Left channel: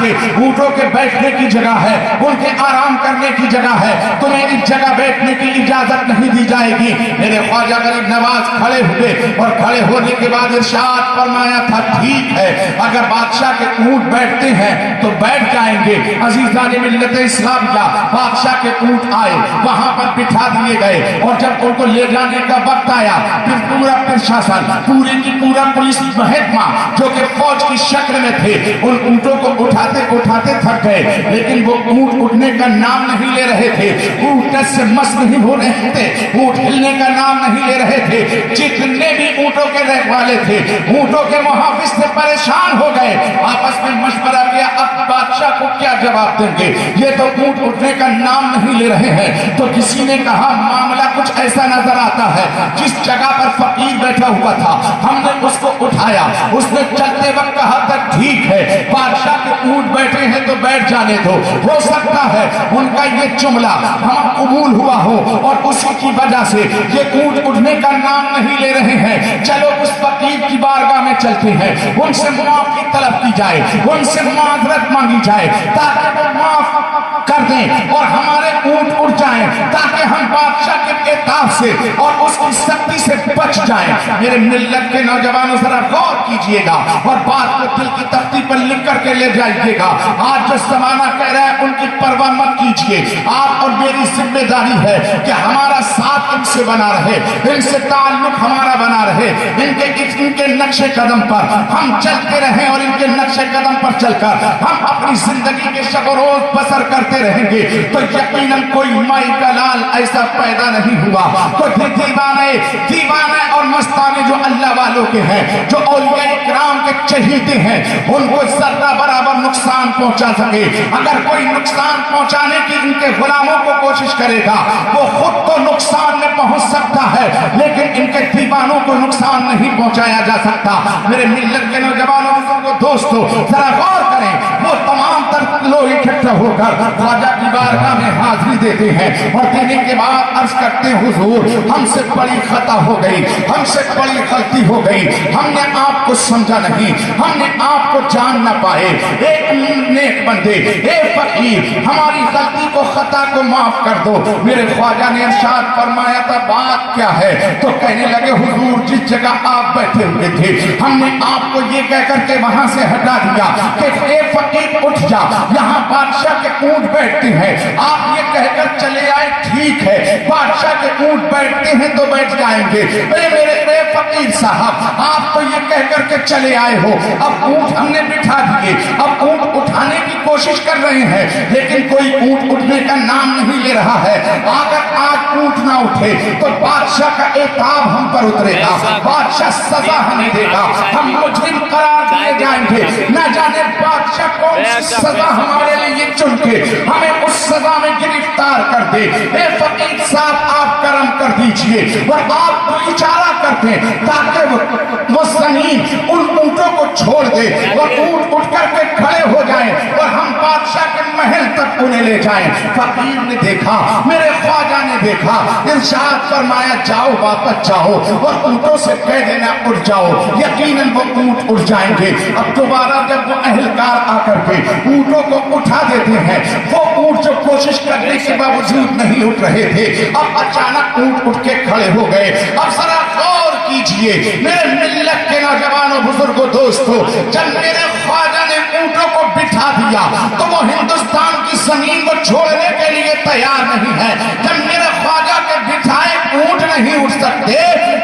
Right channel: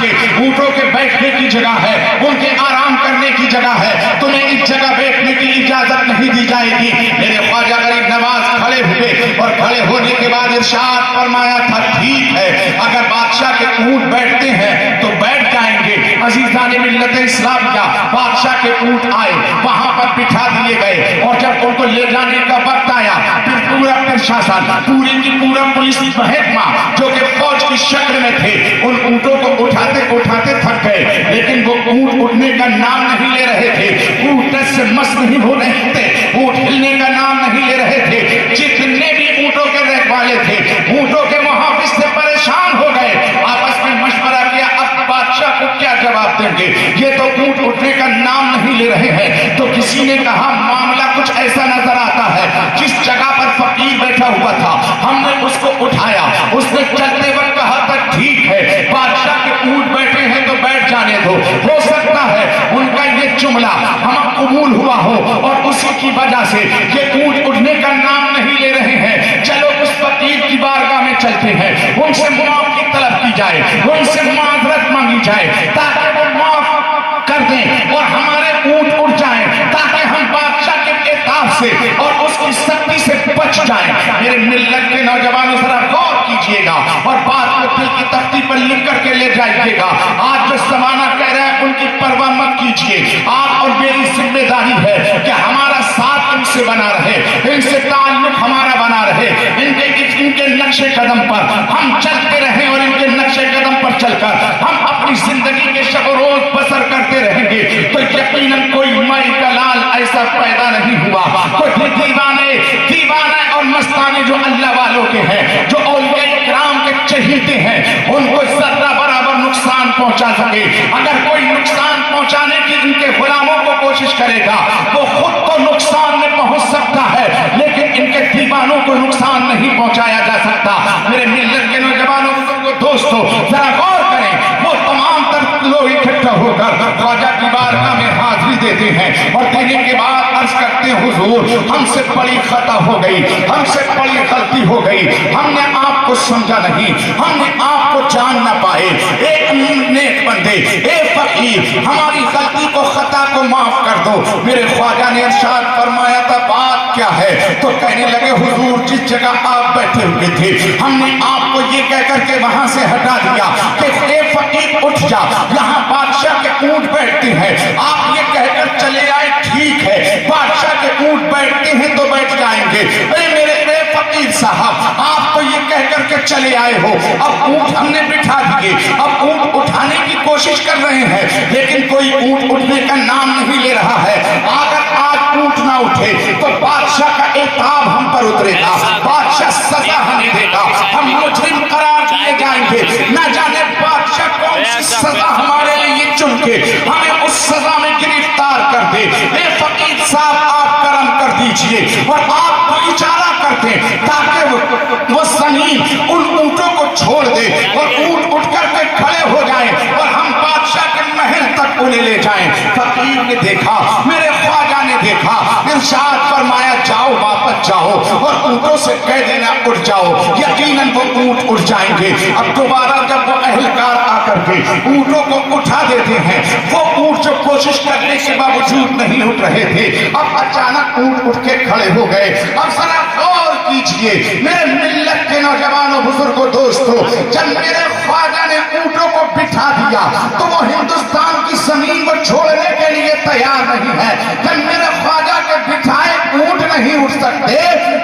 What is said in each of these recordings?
کے اونٹوں کے بیٹھنے کی جگہ ہے, ان کے آرام کرنے کی جگہ ہے, تمہیں اس جگہ بیٹھنے کی اجازت نہیں دی جائے گی. میرے خواجہ غریب نواز کھڑے ہوئے اور کھڑے ہونے کے بعد ارشاد فرمایا تھا ٹھیک ہے, اگر بادشاہ کے اونٹ بیٹھتے ہیں تو بیٹھ جائیں گے. عزیزان ملت اسلام کا بادشاہ کے اونٹ آئے, وہاں پر بٹھا دیے گئے, اور جب ان کو لے جانے کا وقت آیا پھر پورا پرشاسن, پوری کی پورا پولیس محکمہ جو کہ فوج کی شکل میں تھے, ان اونٹوں کو اٹھاتے اٹھاتے تھک گئے, لیکن وہ اونٹ اٹھنے کا نام نہیں لے رہے تھے. اونٹ سے مست نہیں ہو رہے تھے, اونٹ ہلنے کا نام نہیں لے رہے تھے. جتنے بھی اونٹوں کے رکھوالے تھے اونٹوں کے محافظ سے پریشان ہو گئے, آپس میں مشورہ کیا اب بادشاہ کو کیا جواب دیں گے, یہ تو اونٹ اٹھنے کا نام نہیں لے رہے ہیں. تو کسی نے کہا معاملہ کچھ ایسا نظر آتا ہے, جس جگہ پر فقیر بیٹھا ہوا تھا ہم نے اس کو اٹھایا, اس نے چلتے وقت کہا تھا ٹھیک ہے بادشاہ کے اونٹ بیٹھے ہیں تو بیٹھ جانے دو, ہو سکتا ہے ان کا یہ جملہ ہم قبول ہوا ہو اور اسی کی وجہ سے یہ اونٹ اٹھنے کا نام نہیں لے رہے ہیں. چلو اس فقیر کی بارگاہ میں چلتے ہیں, ان سے معافی طلب کی جائے, ان سے معذرت مانگی جائے تاکہ وہ معاف کر دیں اور ہمارے اونٹ اٹھ جائیں, تاکہ ہم بادشاہ کے عتاب سے اور اس کی سختی سے بچ جائیں. میرے ملت کے نوجوانوں ذرا غور کیجئے گا اور بات کو دل کی تختی پر لکھ کر کے لے جائیے گا. آج جو زمانہ کہہ رہا ہے ان کی پرواہ مت کیجئے, آپ اور میری ذمہ داری ہے کہ ہمارا ساتھ ان سے بنا رہے, ان سے تعلق ہمارا بنا رہے, ان کے نقش قدم پر ہم چلتے رہیں اور ان کے نقش قدم پر چل کر ہم اپنی زندگی کے شب و روز بسر کرتے رہیں گے. تو یقیناً کوئی مائی کا لال ایسا پیدا نہیں ہوا, کوئی دیوانے اور مستانے جو اللہ والوں کے ہیں, جو اولیاء کرام کے چہیتے ہیں, ان کو ذرہ برابر نقصان پہنچا سکے. اگر کوئی نقصان پہنچانے کی ان کے غلاموں کو کوشش کرے گا وہ خود تو نقصان میں پہنچ سکتا ہے, لیکن ان کے دیوانوں کو نقصان نہیں پہنچایا جا سکتا. میرے ملت کے نوجوانوں کو دوستو ذرا غور کریں, وہ تمام تر لوگ اکٹھا ہو کر خواجہ کی بارگاہ میں حاضری دیتے ہیں اور دینے کے بعد عرض کرتے ہیں حضور ہم سے بڑی خطا ہو گئی, ہم سے بڑی غلطی ہو گئی, ہم نے آپ کو سمجھا نہیں, ہم نے آپ کو جان نہ پائے. ایک نیک بندے, ایک فقیر ہماری غلطی کو خطا کو معاف کر دو. میرے خواجہ نے ارشاد فرمایا تھا بات کیا ہے, تو کہنے لگے حضور جس جگہ آپ بیٹھے ہوئے تھے ہم نے آپ کو یہ کہہ کر کے وہاں سے ہٹا دیا کہ اے فقیر اٹھ جا, یہاں بادشاہ کے اونٹ بیٹھتے ہیں, آپ یہ کہہ کر چلے آئے ٹھیک ہے بادشاہ کے اونٹ بیٹھتے ہیں تو بیٹھ جائیں گے. اے میرے فقیر صاحب آپ تو یہ کہہ کر کے چلے آئے ہو, اب اونٹ ہم نے بٹھا دیے, اب اونٹ اٹھانے کی کوشش کر رہے ہیں لیکن کوئی اونٹ اٹھنے کا نام نہیں لے رہا ہے. اگر آج اونٹ نہ اٹھے تو بادشاہ کا عتاب ہم پر اترے گا, بادشاہ سزا ہمیں دے گا, ہم مجرم قرار دیے جائیں گے. نہ جانے بادشاہ کون سی سزا ہمارے لیے چن کے ہمیں اس سزا میں گرفتار کر دے. اے فقیر صاحب آپ کرم کر دیجئے اور آپ کو اشارہ کرتے تاکہ وہ زمین ان اونٹوں کو چھوڑ دے اور اونٹ اٹھ کر کے کھڑے ہو جائیں اور ہم بادشاہ کے محل تک انہیں لے جائیں. فقیر نے دیکھا, میرے خواجہ نے دیکھا, ارشاد فرمایا جاؤ واپس جاؤ اور اونٹوں سے کہہ دینا اٹھ جاؤ, یقیناً وہ اونٹ اٹھ جائیں گے. اب دوبارہ جب وہ اہلکار آ کر کے اونٹوں کو اٹھا دیتے ہیں, وہ اونٹ جو کوشش کرنے کے باوجود نہیں اٹھ رہے تھے اب اچانک اونٹ اٹھ کے کھڑے ہو گئے. اب ذرا غور کیجئے میرے ملت کے نوجوانوں بزرگوں دوستوں, جب میرے خواجہ نے اونٹوں کو بٹھا دیا تو وہ ہندوستان کی زمین کو چھوڑنے کے لیے تیار نہیں ہے. جب میرے خواجہ کے بٹھائے اونٹ نہیں اٹھ سکتے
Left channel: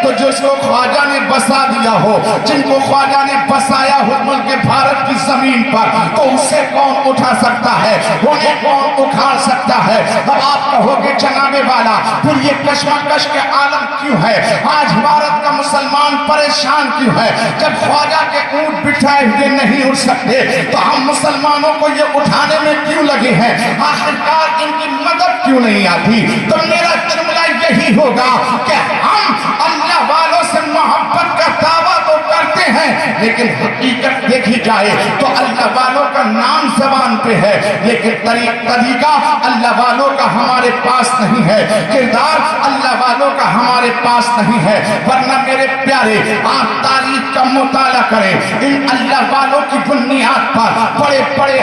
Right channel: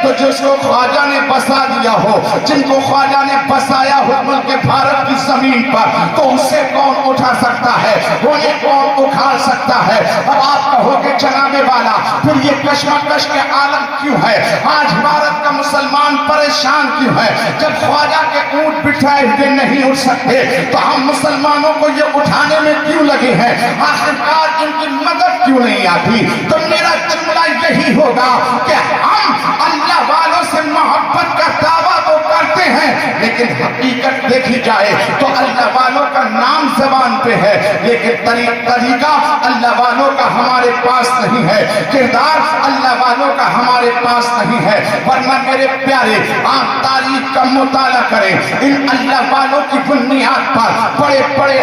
تو جس کو خواجہ نے بسا دیا ہو, جن کو خواجہ نے بسایا ہو ملک بھارت کی زمین پر, تو اسے کون اٹھا سکتا ہے, انہیں کون اکھاڑ سکتا ہے. اب آپ کہو گے جناب والا پھر یہ کشمکش کے عالم کیوں ہے, آج بھارت کا مسلمان پریشان کیوں ہے؟ جب خواجہ کے اونٹ بٹھائے ہوئے نہیں اٹھ سکتے تو ہم مسلمانوں کو یہ اٹھانے میں کیوں لگے ہیں, آخرکار ان کی مدد کیوں نہیں آتی؟ تو میرا جملہ یہی ہوگا کہ ہم اللہ والوں سے محبت کا دعویٰ تو کرتے ہیں لیکن حقیقت دیکھی جائے تو اللہ والوں کا نام زبان پہ ہے لیکن طریقہ اللہ والوں کا ہمارے پاس نہیں ہے, کردار اللہ والوں کا ہمارے پاس نہیں ہے. ورنہ میرے پیارے آپ تاریخ کا مطالعہ کریں, ان اللہ والوں کی بنیاد پر بڑے بڑے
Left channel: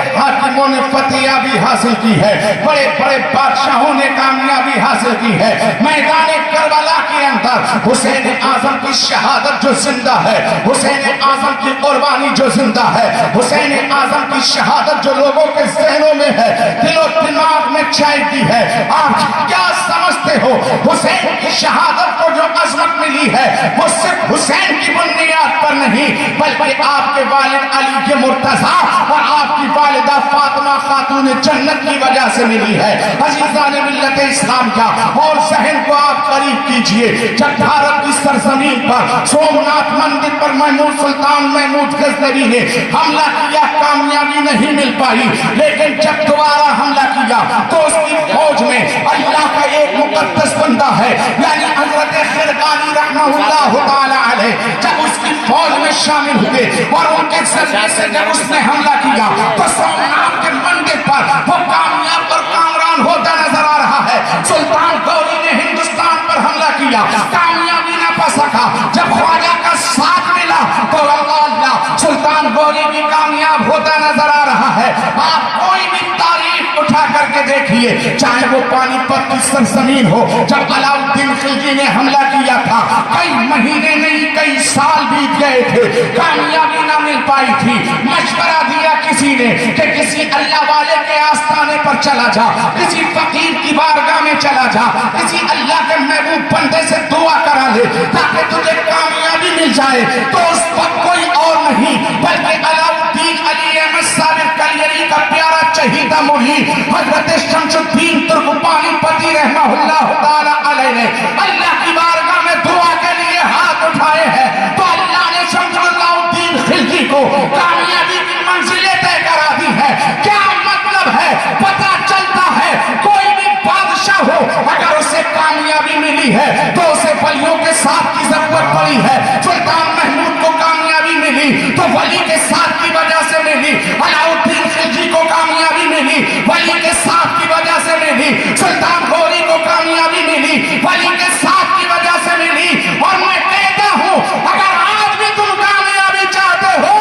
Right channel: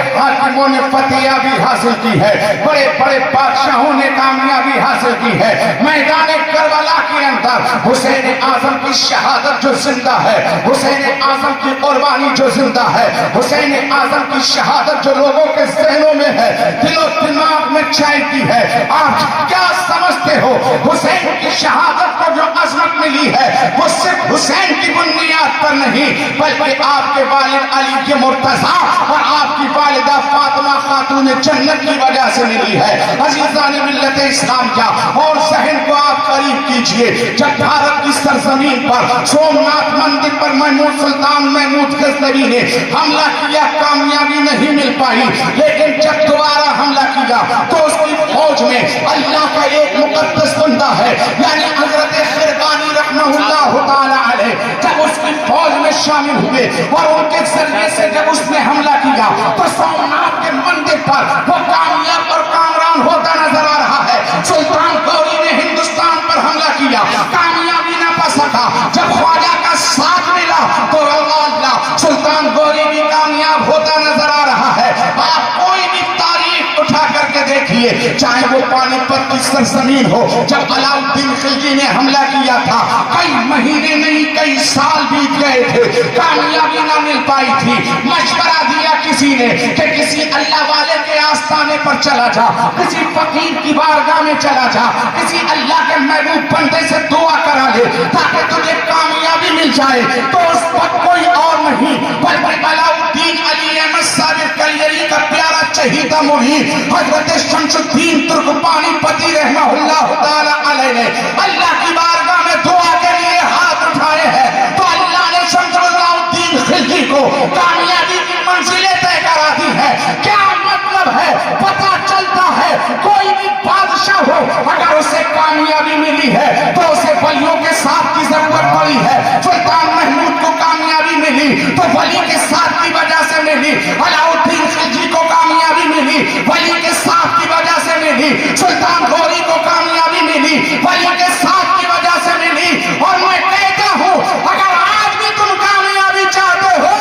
حاصل کی ہے, بڑے بڑے بادشاہوں نے کامیابی حاصل کی ہے. میدان کربلا کے اندر حسین اعظم کی شہادت جو زندہ ہے, حسین اعظم کی قربانی جو زندہ ہے, حسین اعظم کی شہادت جو لوگوں کے ذہنوں میں ہے, دل و دماغ میں چھائی کی ہے. آپ کیا سمجھتے ہو حسین کی شہادت کو جو عظمت ملی ہے وہ صرف حسین کی بنیاد پر نہیں بلکہ آپ کے والد علی کے مرتضیٰ اور آپ کی والدہ فاطمہ خاتون جنت کی وجہ سے ملی ہے. عزیزان ملت اسلام کا اور ذہن کو آپ قریب کیجئے, جب بھارت کی سرزمین پر سومناتھ مندر پر محمود سلطان محمود غزنوی نے حملہ کیا, کامیابی نہیں مل پائی, لیکن جب دوبارہ حملہ کیا تو اس کی فوج میں اللہ کا ایک مقدس بندہ ہے یعنی حضرت خرقانی رحمہ اللہ تعالی علیہ, جب اس کی فوج میں شامل ہوئے اور ان کے ذریعے سے جب اس نے حملہ کیا تو سومناتھ کے مندر پر وہ کامیاب اور کامران ہوتا نظر آ رہا ہے. سلطان غوری نے ہندوستان پر حملہ کیا, کامیابی نہ پا سکا. جب خواجہ کا ساتھ ملا تو اللہ سلطان غوری بھی کامیاب ہوتا نظر آ رہا ہے. آپ کوئی بھی تاریخ اٹھا کر کے دیکھیے, چاہے وہ پانی پت کی سرزمین ہو, جب علاؤالدین خلجی نے حملہ کیا تھا کئی مہینے نہیں کئی سال بیت گئے تھے, کامیابی نہ مل پائی تھی. مشورہ دیا کسی نے کہ کسی اللہ والے کے آستانے پر چلا جا, کسی فقیر کی بارگاہ میں چلا جا, کسی اللہ کے محبوب بندے سے دعا کرا لے تاکہ تجھے کامیابی مل جائے. تو اس وقت کوئی اور نہیں بلکہ علاؤالدین علی احمد صادق کلیری کا پیارا چہیتا مرید حضرت شمس الدین ترکمانی پتی رحمہ اللہ تعالی علیہ نے اللہ کی بارگاہ میں دعا کے لیے ہاتھ اٹھائے ہیں تو اللہ نے شمس علاؤالدین خلجی کو کامیابی کی منزلیں طے کرا دی ہے. کیا مطلب ہے؟ پتہ چلتا ہے کوئی بھی بادشاہ ہو اگر اسے کامیابی ملی ہے تو اسے ولیوں کے ساتھ کی ضرورت پڑی ہے. سلطان محمود کو کامیابی ملی تو ولی کے ساتھ کی وجہ سے ملی, علاؤالدین خلجی کو کامیابی ملی ولی کے ساتھ کی وجہ سے ملی, سلطان غوری کو کامیابی ملی ولی کے ساتھ کی وجہ سے ملی. اور میں کہتا ہوں اگر آج بھی تم کامیابی چاہتے ہو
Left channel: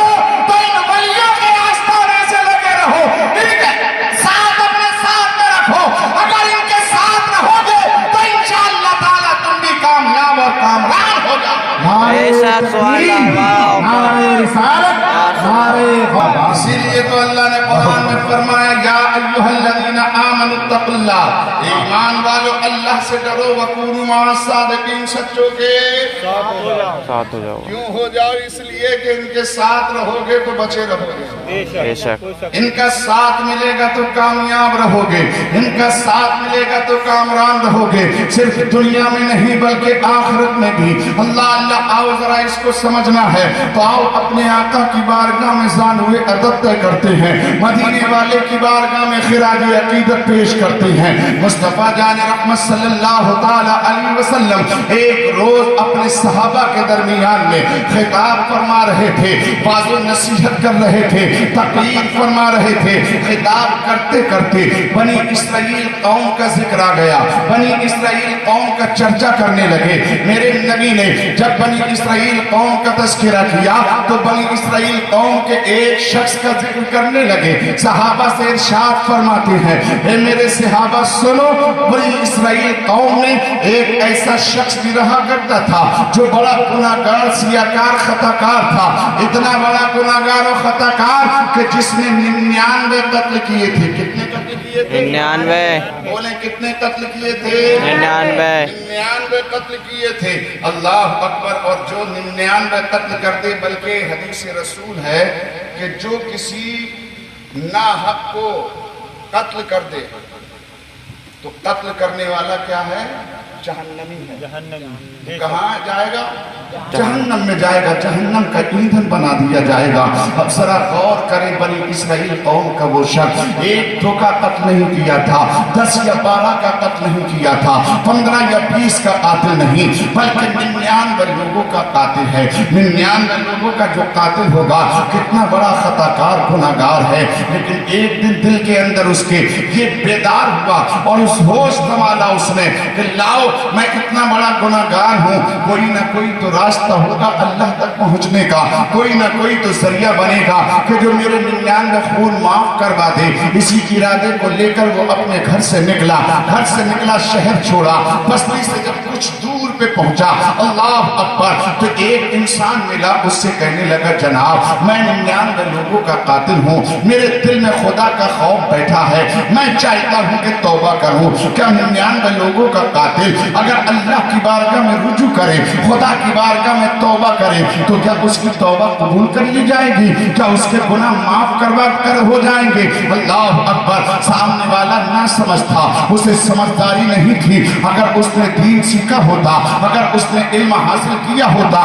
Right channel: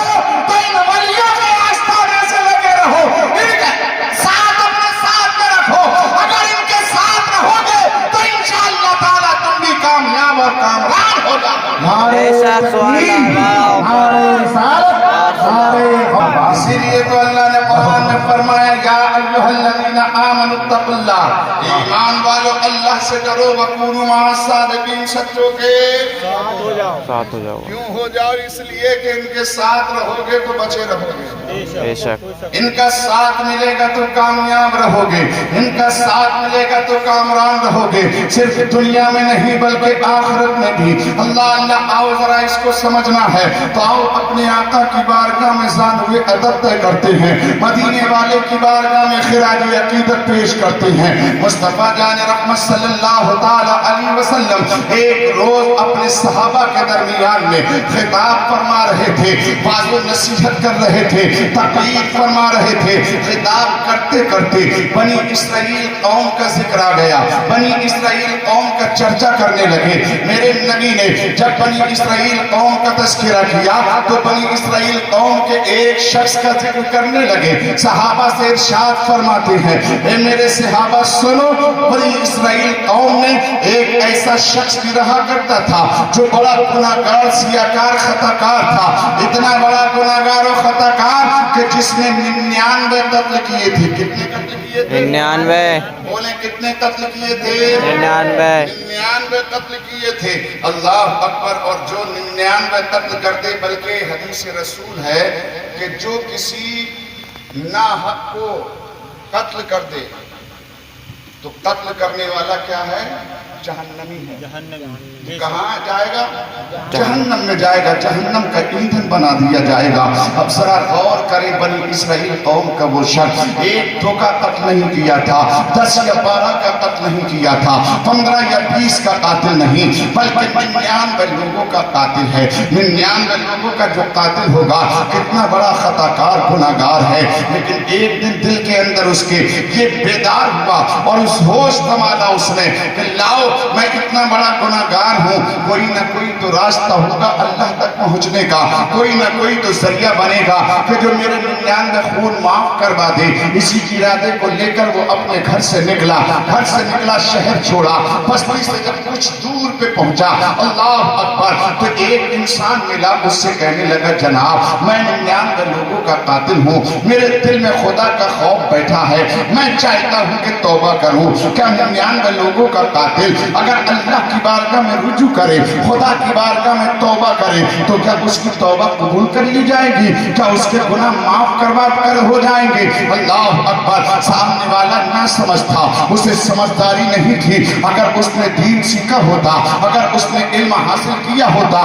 تو ان ولیوں کے آستانے سے لگے رہو, ان کے ساتھ اپنے ساتھ میں رکھو. اگر ان کے ساتھ رہو گے تو انشاءاللہ تعالیٰ تم بھی کامیاب اور کامران ہو جاؤ. اسی لیے تو اللہ نے قرآن میں فرمایا یا ایھا الذین آمنوا اتقوا اللہ, ایمان والو اللہ سے ڈرو, وکونوا مع الصادقین, سچوں کے ساتھ ہو جاؤ. کیوں ہو جاؤ؟ اس لیے کہ ان کے ساتھ رہو گے تو بچے رہو گے, بے شک ان کا ساتھ ملے گا تو کامیاب رہو گے, ان کا ساتھ ملے گا تو کامران رہو گے, صرف دنیا میں نہیں بلکہ آخرت میں بھی. اللہ آؤ ذرا اس کو سمجھنا ہے تو آؤ اپنے آقا کی بارگاہ میں ظاہر ہوئے ادب طے کرتے ہیں, مدینے والے کی بارگاہ میں خراج عقیدت پیش کرتے ہیں. مصطفیٰ جان رحمت صلی اللہ تعالی علیہ وسلم ایک روز اپنے صحابہ کے درمیان میں خطاب فرما رہے تھے, واضح و نصیحت کر رہے تھے, تقریر فرما رہے تھے. خطاب کرتے کرتے بنی اسرائیل قوم کا ذکر آ گیا, بنی اسرائیل قوم کا چرچا کرنے لگے. میرے نبی نے جب بنی اسرائیل قوم کا تذکرہ کیا تو بنی اسرائیل قوم کے ایک شخص کا ذکر کرنے لگے. صحابہ سے ارشاد فرماتے ہیں اے میرے صحابہ سنو, بنی اسرائیل قوم میں ایک ایسا شخص بھی رہا کرتا تھا جو بڑا گناہگار سیاکار خطاکار تھا, اتنا بڑا گناہگار و خطاکار کہ جس نے 99 قتل کیے تھے. کتنے قتل کیے تھے؟ 99. بولیں کتنے قتل کیے تھے؟ 99 قتل کیے تھے. اللہ اکبر. اور جو 99 قتل کرتے, بلکہ حدیث رسول ہے کہ جو کسی ناحق کو قتل کر دے تو قتل کرنے والا کیا ہے؟ جہنمی ہے. کہاں جائے گا؟ جہنم میں جائے گا, جہنم کا ایندھن بنا دیا جائے گا. اب ذرا غور کریں, بنی اسرائیل قوم کا وہ شخص ایک دو کا قتل نہیں کیا تھا, 10 یا 12 کا قتل نہیں کیا تھا, 15 یا 20 کا قاتل نہیں, بلکہ 99 لوگوں کا قاتل ہے. 99 لوگوں کا جو قاتل ہوگا کتنا بڑا خطاکار گناہگار ہے, لیکن ایک دن دل کے اندر اس کے یہ بیدار ہوا اور اس اس ہوش سنبھالا اس نے کہ لاؤ میں اتنا بڑا گناہگار ہوں, کوئی نہ کوئی تو راستہ ہوگا اللہ تک پہنچنے کا, کوئی نہ کوئی تو ذریعہ بنے گا کہ جو میرے 99 خون معاف کروا دے. اسی ارادے کو لے کر وہ اپنے گھر سے نکلا, شہر چھوڑا. بستی سے جب کچھ دور پہ پہنچا, اللہ اکبر, تو ایک انسان ملا, اس سے کہنے لگا جناب میں 99 لوگوں کا قاتل ہوں, میرے دل میں خدا کا خوف بیٹھا ہے, میں چاہتا ہوں کہ توبہ کروں. کیا 99 لوگوں کا قاتل اگر اللہ کی بارگاہ میں رجوع کرے, خدا کی بارگاہ میں توبہ کرے, تو کیا اس کی توبہ قبول کر لی جائے گی؟ کیا اس کے گناہ معاف کروا کر ہو جائیں گے؟ اللہ اکبر. سامنے والا نہ سمجھ تھا, اسے سمجھداری نہیں تھی. اگر اس نے دین سیکھا ہوتا, اگر اس نے علم حاصل کیا ہوتا